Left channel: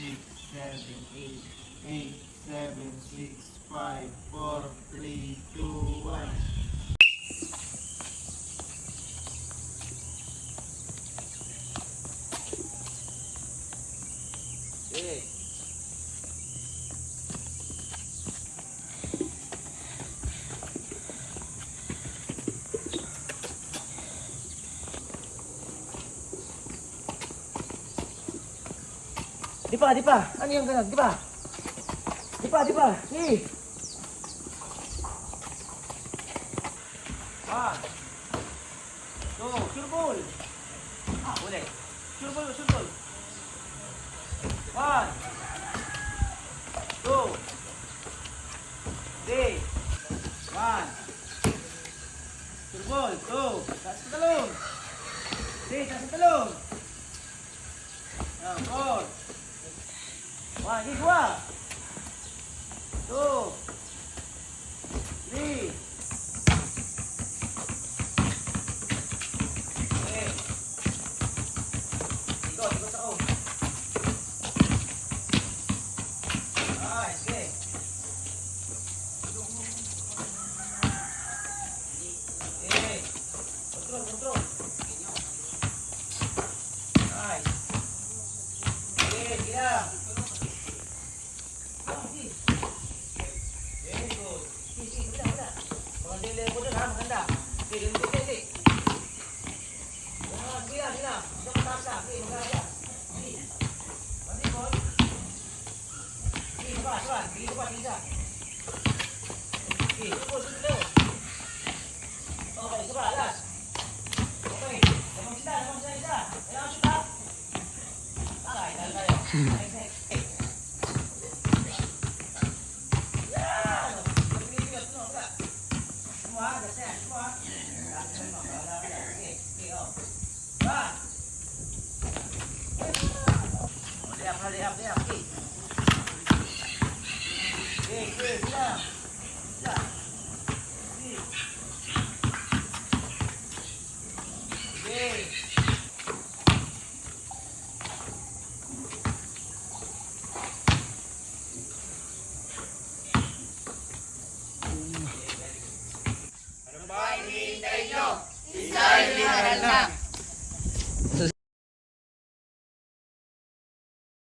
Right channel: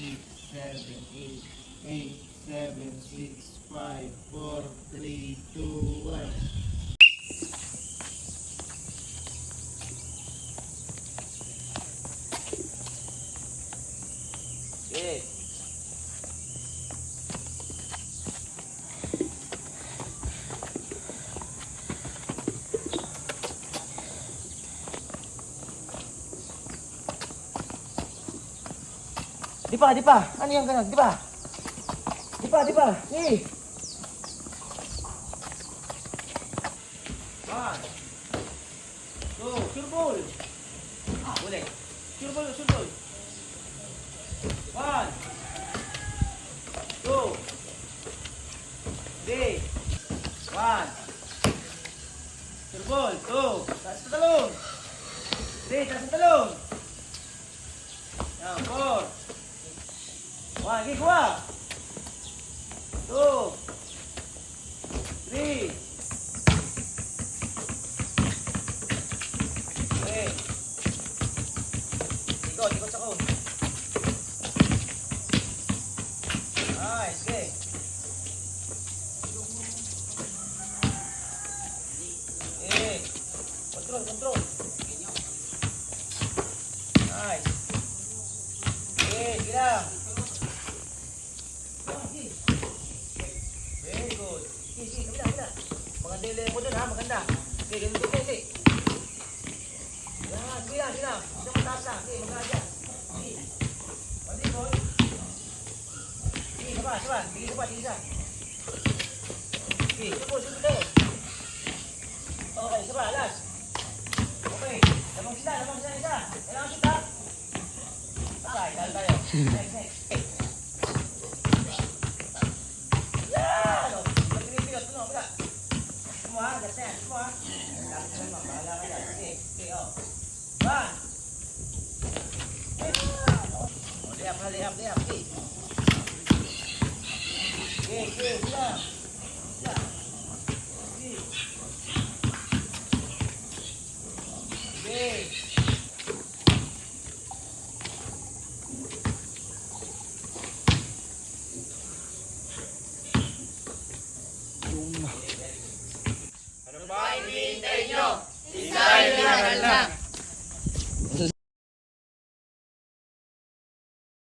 six, seven, eight. Eight, seven, six, five, four, three, two, one. Okay. Di pa. Ano yung ganun? Di pa. Hey. One. Two. Surbol. Boleh. Surbol. One. Two. Three. One. Surbol. Two. Taas sa talong. Three. Taas sa talong. Four. One, lagi dua. Two. Three. Okay. Ikot ako. Nice, okay. Okay. Control. Nice. Okay, gila. Very good. Kabila. Maganda yung level dun ha, maganda. Okay, ganito. Yan, gila. Isang mataas na. Okay, maganda. Pabikot. Okay, sabar. Tingin ka pa. Okay, susunod tayo. Okay, sabar, last. Okay, lamang sila isa. Kailangan sila. Okay, dahil tayo. Lihat. Okay, sila. Okay. Ano ba hinihintay nyo? Design na!